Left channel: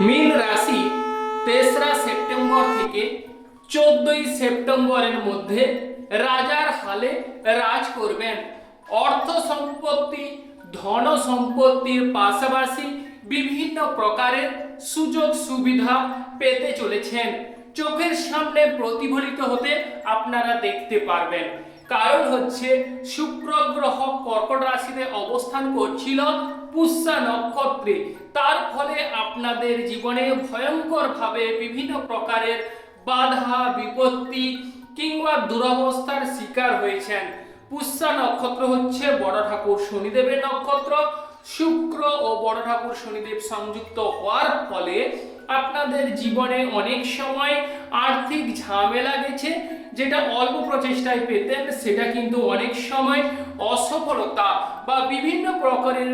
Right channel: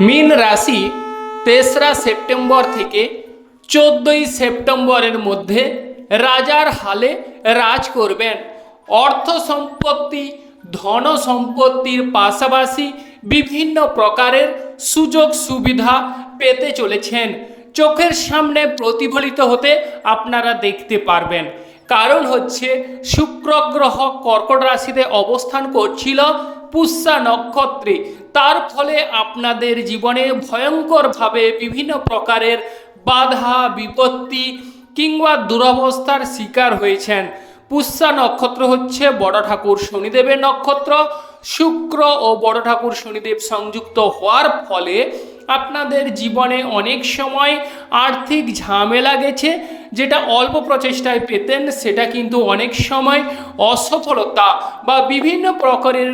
মীন রাশি তেসরা সেপ্টেম্বর থেকে চোদ্দই সেপ্টেম্বরের মধ্যে রাজার হালে রাজ করবেন। অর্থ সম্পত্তি, ধন সম্পত্তির পাশাপাশি বিভিন্ন প্রকারের সুযোগ সুবিধা পেতে চলেছেন। চোখের সামনে প্রতিফলিত হতে আপনারা দেখতে পারবেন। কারণ হচ্ছে শুক্র কর্কট রাশিতে অবস্থান করছিল পুষ্যা নক্ষত্রে। তার ফলে আপনাদের জীবনে ভয়ঙ্করভাবে বিভিন্ন প্রকারের বাধা, বিপত্তি কিংবা দুরবস্থার শিকার হয়েছেন। পুষ্যা নক্ষত্র হচ্ছে বড় ঠাকুর শনিদেবের নক্ষত্র। শুক্র ও বড় ঠাকুর শনিদেব সংযুক্ত হওয়ার ফলে আপনাদের জীবনে অনেক সময় আর্থিক ঝামেলা গেছে, যেটা অল্প প্রচেষ্টায় পেতেন, সেটা কিন্তু অনেক সময় অসফলতা বা বিভিন্ন প্রকারের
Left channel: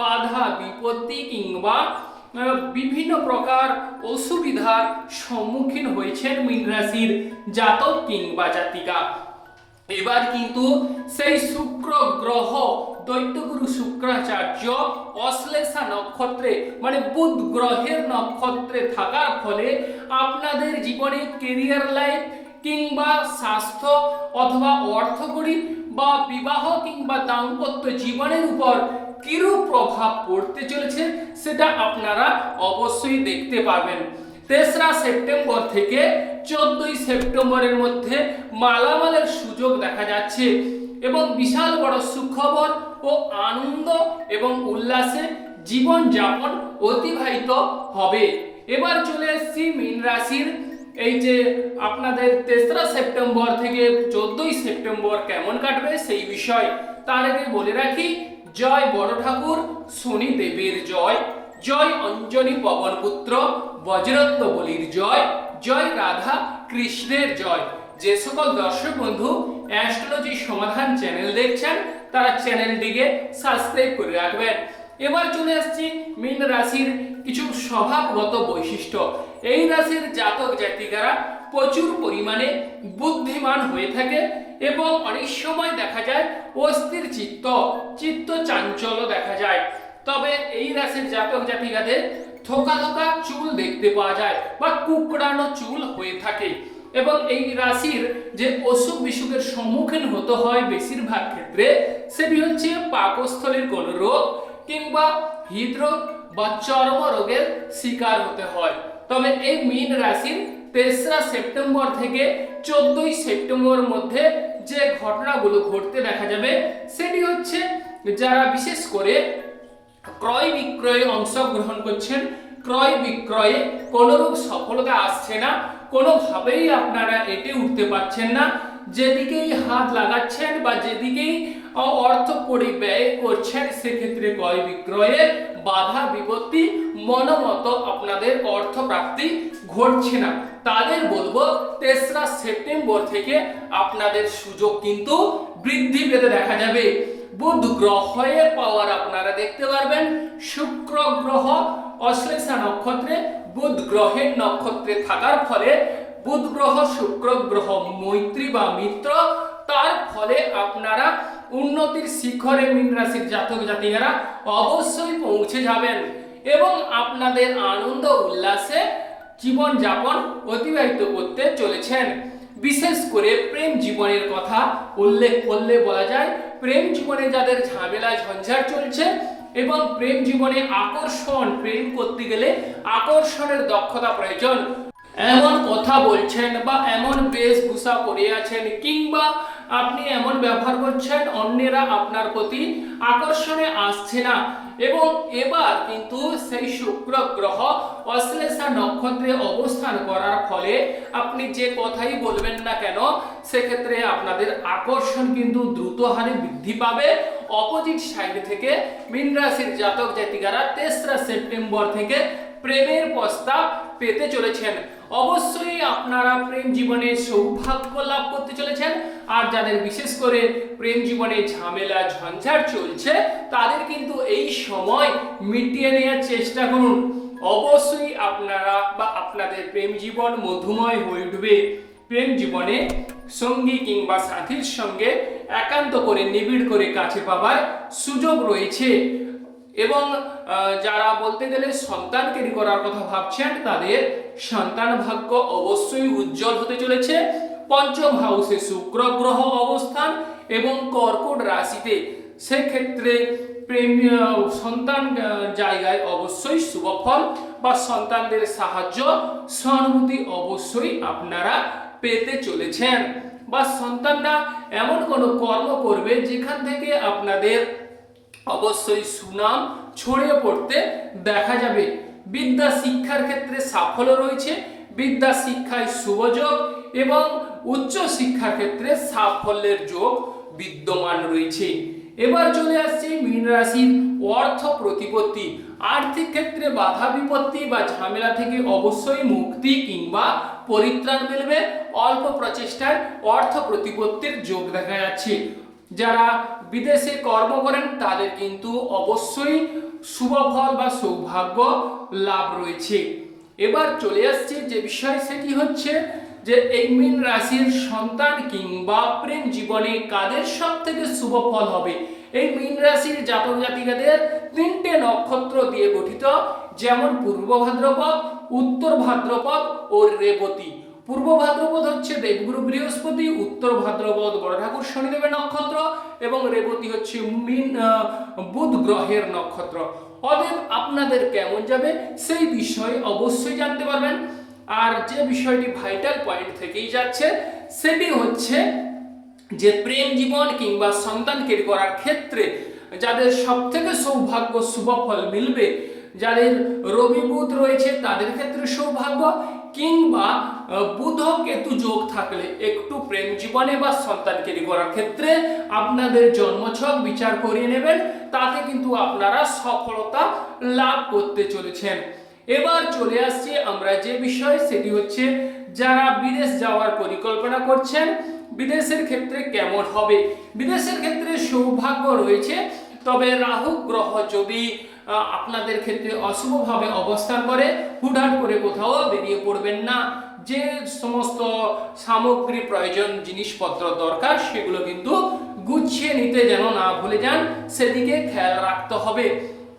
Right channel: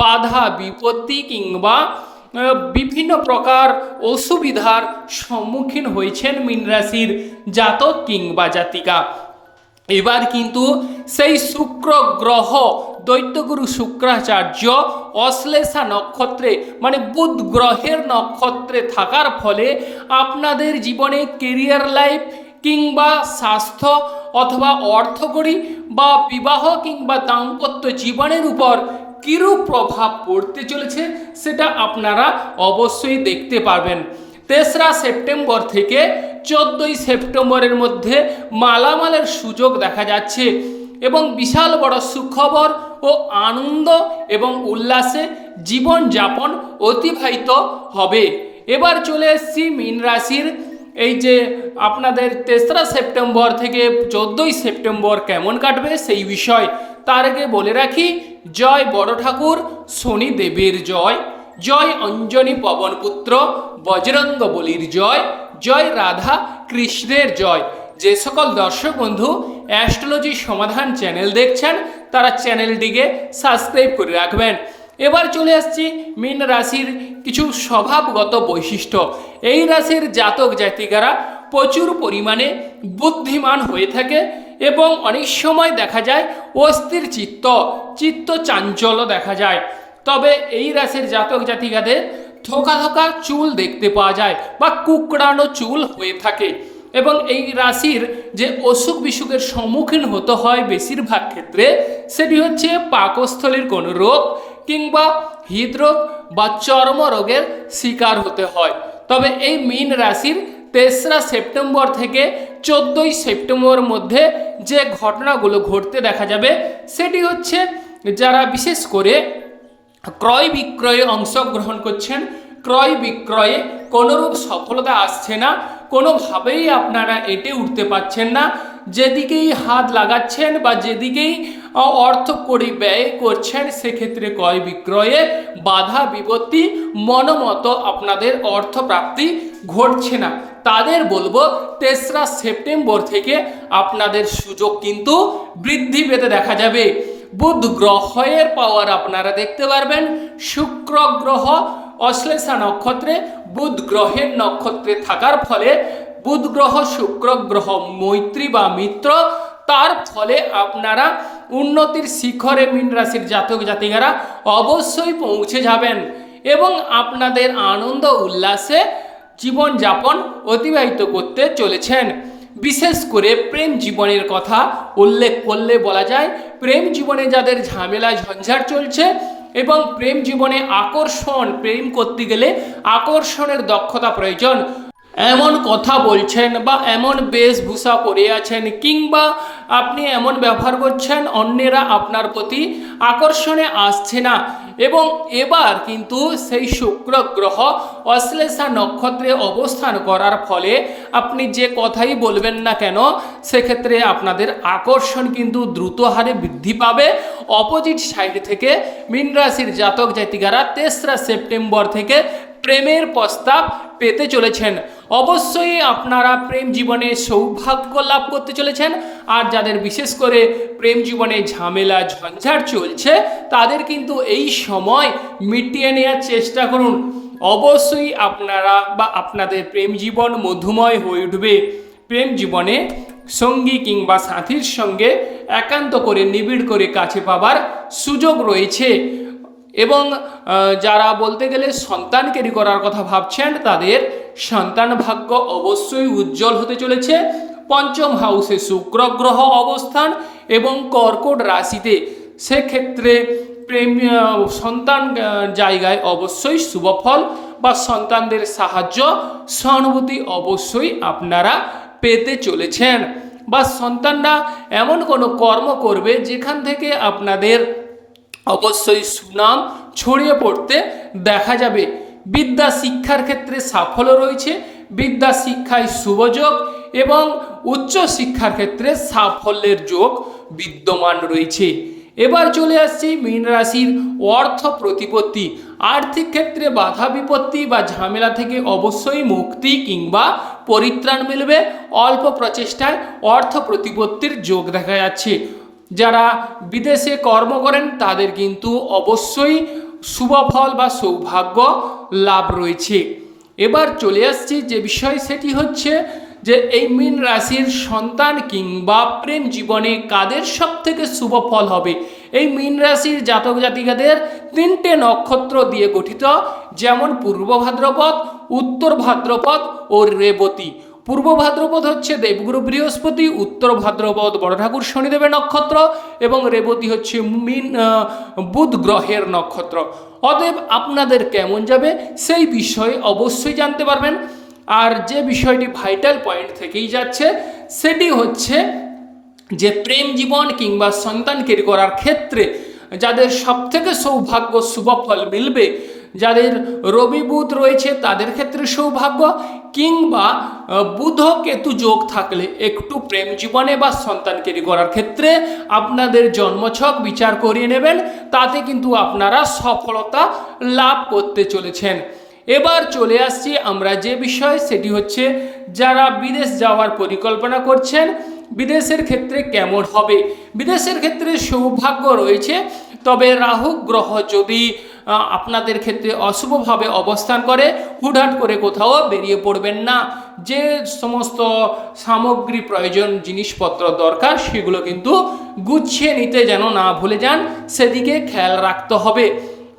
বাধা, বিপত্তি কিংবা বিভিন্ন প্রকার অসুবিধার সম্মুখীন হয়েছেন মীন রাশির জাতক কিংবা জাতিকা। এবার কিন্তু সেই শুক্র গ্রহ দৈত্যগুরু শুক্রাচার্য অশ্লেষা নক্ষত্রে মানে বুধ গ্রহের নক্ষত্রে থাকার ফলে আপনাদের জীবনে কেরিয়ার লাইফ কিংবা স্বাস্থ্য অথবা অর্থকরী বা বিবাহ কিংবা দাম্পত্য জীবনের উপর কিরূপ প্রভাব পড়তে চলেছে সেটা আপনারা অবশ্যই দেখতে পারবেন। তেসরা সেপ্টেম্বর থেকে চোদ্দই সেপ্টেম্বরের মধ্যে মালামালের সুযোগ দেখা যাচ্ছে এবং বিশাল বড় সুখবর ও আনন্দ এবং উল্লাসে জীবনযাপন অতিবাহিত হবে। এবার চলে এসছি মীন রাশির। এই যে আপনাদের তেসরা সেপ্টেম্বর থেকে চোদ্দই সেপ্টেম্বর কেমন কাটবে সেই বিষয়, তার আগে বলে রাখি, জয় বড় ঠাকুর, শনি দেবীর জয়। জয় অঞ্জনী পবনপুত্র বজরঙ্গ বলির জয়। জয় রাধা কৃষ্ণের জয়। যে সকল দর্শক বন্ধু অ্যাস্ট্রোলজি সমাধান চ্যানেল দেখছেন, তারা চ্যানেলটিকে সাবস্ক্রাইব করে রাখবেন। এবার চলে আসছি মীন রাশির কিছু স্বভাবগত বৈশিষ্ট্য। এই রাশির জাতক জাতিকারা প্রচুর পরিমাণে বুদ্ধিমান হয়ে থাকে এবং অনেক সময় দেখা যায় অস্থির চিত্ত চিত্ত চাঞ্চল্য দেখা যায়। তবে এই রাশির জাতক জাতিকাদের থোকা থোকা চুল দেখতে পাওয়া যায় বা কুকড়ানো চুল হয়ে থাকে। এবং এই রাশির যে অসুখ বিসুখের সম্মুখীন হতে হয় বেশিরভাগ ক্ষেত্রে, সেটি হচ্ছে পাকস্থলীর কোনো রোগ কিংবা হৃদরোগ বা চর্ম রোগের শিকার হতে হয়। তবে এই মীন রাশির তেসরা সেপ্টেম্বর থেকে চোদ্দই সেপ্টেম্বর মধ্যে যে ঘটনাগুলো ঘটতে দেখা যাবে, সেটি হচ্ছে যারা বিশেষ করে ক্রয় বিক্রয়ে অংশগ্রহণ করছেন ক্রয় বিক্রয়ে কোনোরূপ সফলতা আসছে না। কোনোভাবেই আপনারা এটে উঠতে পারছেন না। যেদিকেই হাত লাগাচ্ছেন বা যেদিকেই অর্থ করে ব্যয় করছেন, সেক্ষেত্রে ক্রয় বিক্রয়ে বাধা বিপত্তি, মনোমতো আপনাদের অর্থ প্রাপ্তি ঘটছে না। তাদের বলব, তেসরা সেপ্টেম্বর থেকে আপনাদের সুযোগ কিন্তু বৃদ্ধি পেতে দেখা যাবে। বুধ গ্রহের পাওয়ার আপনারা দেখতে পারবেন। শুক্র গ্রহ অশ্লেষা নক্ষত্রে বুধ গ্রহের নক্ষত্রে থাকার ফলে বুধ গ্রহ শুক্র গ্রহ মৈত্রী বা মিত্র, তার ফলে আপনারা উন্নতির শিখরে মীন রাশির জাতক জাতিকারা অবশ্যই পৌঁছে যাবেন এবং আপনাদের আনন্দ উল্লাসে জীবনযাপন অতিবাহিত করতে চলেছেন। বিশেষ করে প্রেম জীবনের কথা উল্লেখ করলে বলা যায়, প্রেম জীবনে যাদের ঝামেলা, ঝঞ্ঝাট চলছে এবং প্রেম জীবনে আকর্ষণ প্রেম করতে গেলে আকর্ষণের দক্ষতা প্রয়োজন। এমন কথা বলছেন বা এমন বেশভূষা পরে আছেন কিংবা আপনি এমন ব্যবহার করছেন, অন্যেরা আপনার প্রতি আকর্ষণে আসছে না। এবং এবার কিন্তু সেই শুক্র গ্রহ অশ্লেষা নক্ষত্রে অবস্থান করার ফলে আপনি যে কথাই বলবেন না কেন, সেক্ষেত্রে আপনাদের আকর্ষণ কিন্তু দ্রুত হারে বৃদ্ধি পাবে। অপোজিট সাইড থেকে মীন রাশির জাতক জাতিকারা তেসরা সেপ্টেম্বর থেকে প্রেমের প্রস্তাব পেতে চলেছেন। অবশ্যই আপনারা প্রেম জীবনে সৌভাগ্য লাভ করতে চলেছেন। আর যাদের বিশেষ করে প্রেম জীবনে ঝামেলা, ঝঞ্ঝাট চলছে, তাদের কিন্তু এই সময় মিটিয়ে নেওয়ার চেষ্টা করুন। অবশ্যই আপনারা বা আপনাদের প্রেম জীবন মধুময় হয়ে উঠবে। প্রেম জীবনে সঙ্গী কিংবা সাথীর সঙ্গে একান্ত করে, নিবিড় করে কাছে পাবার সুযোগ রয়েছে। এবং যারা বলতে গেলে সন্তান ক্যারি করার কথা ভাবছেন, তাদের সন্তান ভাগ্য অবশ্যই উজ্জ্বল হতে চলেছে। পঞ্চম হাউসে শুক্র গ্রহ অবস্থান এবং কর্কট রাশিতে। সেক্ষেত্রে প্রেম সন্তান জায়গায় অবশ্যই শুভফল বা সন্তানদের সাহায্য, সহানুভূতি অবশ্যই আপনারা পেতে চলেছেন। বা সন্তানরা এমন কোনো কর্ম করবে যেখান থেকে আপনাদের অবশ্যই সুনাম ছড়িয়ে পড়তে দেখা যাবে। বিদ্যা শিক্ষার ক্ষেত্রে সাফল্য রয়েছে, বিদ্যা শিক্ষায় শুভযোগ এবং উচ্চ শিক্ষার ক্ষেত্রে সাফল্যের যোগ বিদ্যমান রয়েছে। এবার চলে আসছে মীন রাশির অর্থ প্রতিপত্তি। আর্থিক ক্ষেত্রে বাধা বিপত্তি বা ঝামেলা থেকে অবশ্যই মুক্তি কিংবা পরিত্রাণ মিলবে। অল্প প্রচেষ্টায় অর্থ প্রতিপত্তির যোগ দেখা যাচ্ছে। যারা বিদেশে কর্ম করেন তাদের কিন্তু অবশ্যই শুভফল বা সৌভাগ্য লাভ রয়েছে। এবার চলে আসছে যে বিষয়, সেটি হচ্ছে যে এই মীন রাশির সন্তান কিংবা প্রেম জীবনে কাদের সব থেকে শুভ ফল হবে? এই মীন রাশির জাতক জাতিকাদের তিনটে নক্ষত্র দিয়ে গঠিত, যেমন পূর্ব ভাদ্রপদ, উত্তর ভাদ্রপদ ও রেবতী। পূর্ব ভাদ্রপদ হচ্ছে দেবগুরু বৃহস্পতি, উত্তর ভাদ্রপদ বড় ঠাকুর শনিদেবের নক্ষত্র এবং রেবতী হচ্ছে মিন বুধ গ্রহের নক্ষত্র। অতএব আপনাদের কেমন যাবে সেই বিষয়ে অবশ্যই জানতে পারবেন। আর যে বিষয়টি ভাইটাল পয়েন্ট থেকেই যাচ্ছে, সেটি হচ্ছে যে প্রেম জীবন কিংবা সন্তান কেরি করার ক্ষেত্রে যাদের সব থেকে সৌভাগ্য শুভফল মিলবে যাদের রবি বুধ রয়েছে, তাদের ক্ষেত্রে সৌভাগ্য। কিংবা বুধ কেতু যোগ থাকলে একটু প্রেম জীবনে বা সন্তান কেরি করার ক্ষেত্রে আপনাদের জন্মছক বিচার করিয়ে নেবেন। তাতে কিন্তু আপনারা সফলতা লাভ করতে চলেছেন। এবার চলে আসছি আমরা যে বিষয়, সেটি হচ্ছে যারা বিদেশ যাওয়ার পরিকল্পনা করছেন, বিদেশের ক্ষেত্রে কেমন হবে? বিদেশের ক্ষেত্রে সৌভাগ্য রয়েছে, তবে রাহু গ্রহ যদি আপনাদের ক্ষেত্রে অশুভভাবে অবস্থান করে, হুটহাট করে কোথাও বেরিয়ে পড়বেন না। যে সমস্ত সামগ্রী প্রয়োজন, জিনিসপত্র দরকার, সেগুলো কিন্তু গুছিয়ে নিতে যেন না ভুলে যান, সেদিকে খেয়াল রাখতে হবে।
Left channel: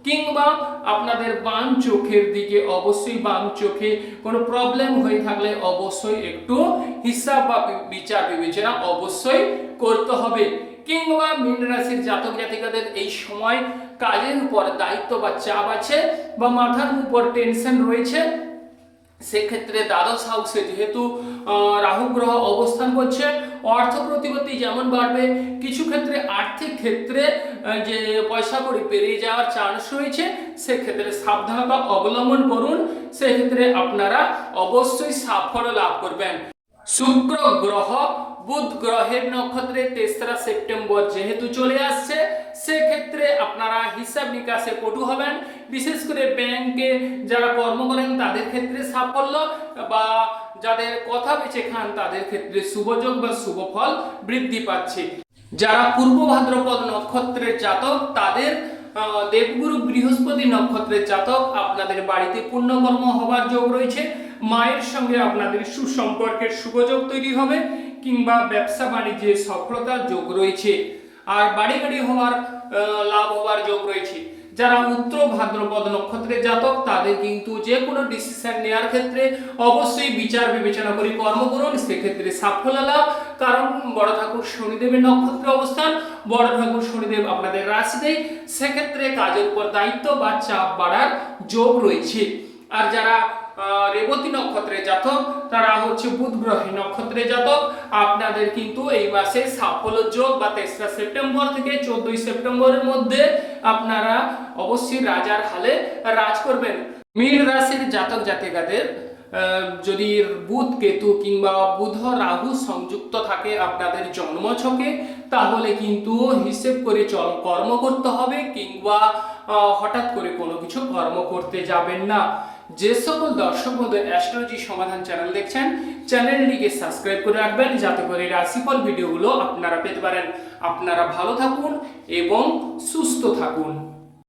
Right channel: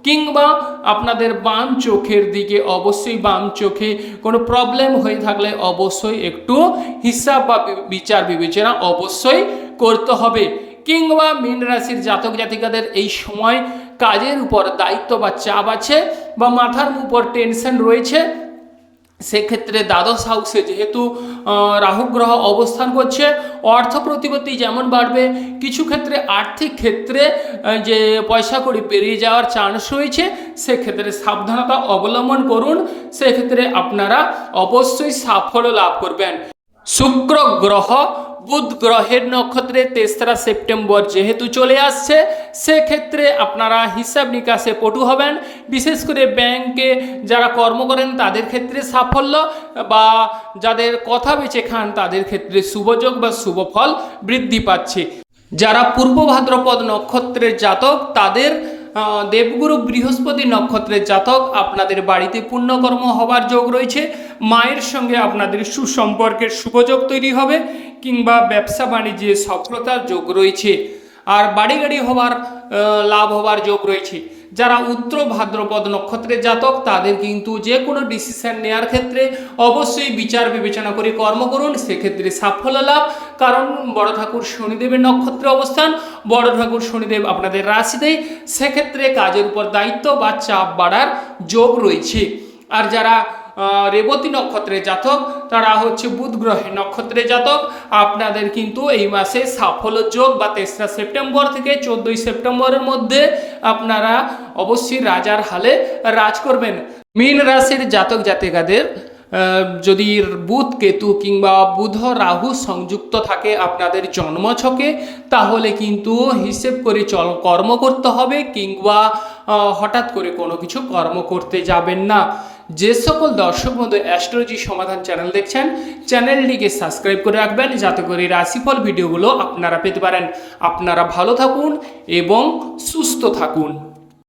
কিংবা আপনাদের বাম চোখের দিকে, অবশ্যই বাম চোখে কোনো প্রবলেম হয়ে থাকলে অবশ্যই একটু হিসাব বা বিচার বিবেচনা অবশ্যই করতে হবে। কিংবা মীন রাশির জাতক জাতিকাদের এই সময় কাজের উপর দায়িত্ব বা চাপ আছে বা মাথার উপর টেনশন রয়েছে, সেক্ষেত্রে দ্বাদশ হাউসে যেহেতু রাহু গ্রহ অবস্থান করছে, অর্থ প্রতিপত্তি যেমন বাড়বে, কিছু ক্ষেত্রে আর্থিক ক্ষেত্রে যে পয়সা কড়ি পেরিয়ে যাওয়ার চান্স রয়েছে, সেক্ষেত্রে সাবধানতা অবলম্বন করুন, সেক্ষেত্রে আপনারা অবশ্যই সাফল্য লাভ করবেন। শুক্র গ্রহ বুধ গ্রহের নক্ষত্রে তেসরা সেপ্টেম্বর যেহেতু চলে আসছে, সেক্ষেত্রে আপনারা হিসাব নিকাশে পটু হবেন। বিশেষ করে ব্যাংকে যারা কর্ম করেন, তাদের ক্ষেত্রে সাফল্য বা যাদের কথা বেঁচে খান, তাদের ক্ষেত্রে শুভযোগ বা শুভফল বৃদ্ধি পাচ্ছে। যারা পূর্ব ভাদ্রপদ নক্ষত্রের জাতক, তাদের দেবগুরু বৃহস্পতি নক্ষত্রের জাতক, আপনাদের বাড়িতে পুণ্যকর্ম হবার যোগ রয়েছে। মায়ের সঙ্গে আপনাদের সুসম্পর্কের শুভযোগ তৈরি হবে। কিংবা ব্যবসা বাণিজ্যে সফলতার যোগ রয়েছে। আর বাড়ি গাড়ি হওয়ার লাভ হওয়ার যোগ রয়েছে। যারা উত্তর ভাদ্রপদ নক্ষত্রের জাতক, তাদের কিন্তু যে কোনো ডিসিশন নেওয়ার ক্ষেত্রে অবশ্যই বিচার বিবেচনা করে কর্ম করুন। সেক্ষেত্রে সাফল্য লাভ। কারণ বড় ঠাকুর শনিদেবের নক্ষত্রে অবস্থান, বড় ঠাকুর শনিদেব আপনাদের রাশিতেই সেক্ষেত্রে কাজের উপর দায়িত্ব বা চাপ বাড়ার যোগ রয়েছে। আর যারা রেবতী নক্ষত্রের জাতক, তারা হচ্ছে বুধ গ্রহের নক্ষত্রের জাতক। আপনাদের কিন্তু এই মাসে সাফল্য যোগ বা তেসরা সেপ্টেম্বর থেকে চোদ্দই সেপ্টেম্বরের মধ্যে আপনারা অবশ্যই রাজার হালে রাজ করবেন। মীন রাশির জাতক জাতিকাদের যদি বুধ কেতু কিংবা বুধ রাহু সংযুক্ত থাকে আপনাদের জন্মছকে, তাহলে কিন্তু হিসেব করে চল কর্ম করতে হবে কিংবা হঠাৎ করে কোনো কিছু কর্ম করতে যাবেন না। যে সকল দর্শক বন্ধু অ্যাস্ট্রোলজি সমাধান চ্যানেল দেখছেন, চ্যানেলটিকে সাবস্ক্রাইব করে রাখবেন, যাতে করে রাশিফল ভিডিওগুলো আপনারা পেতে পারেন। আপনারা ভালো থাকুন এবং সুস্থ থাকুন।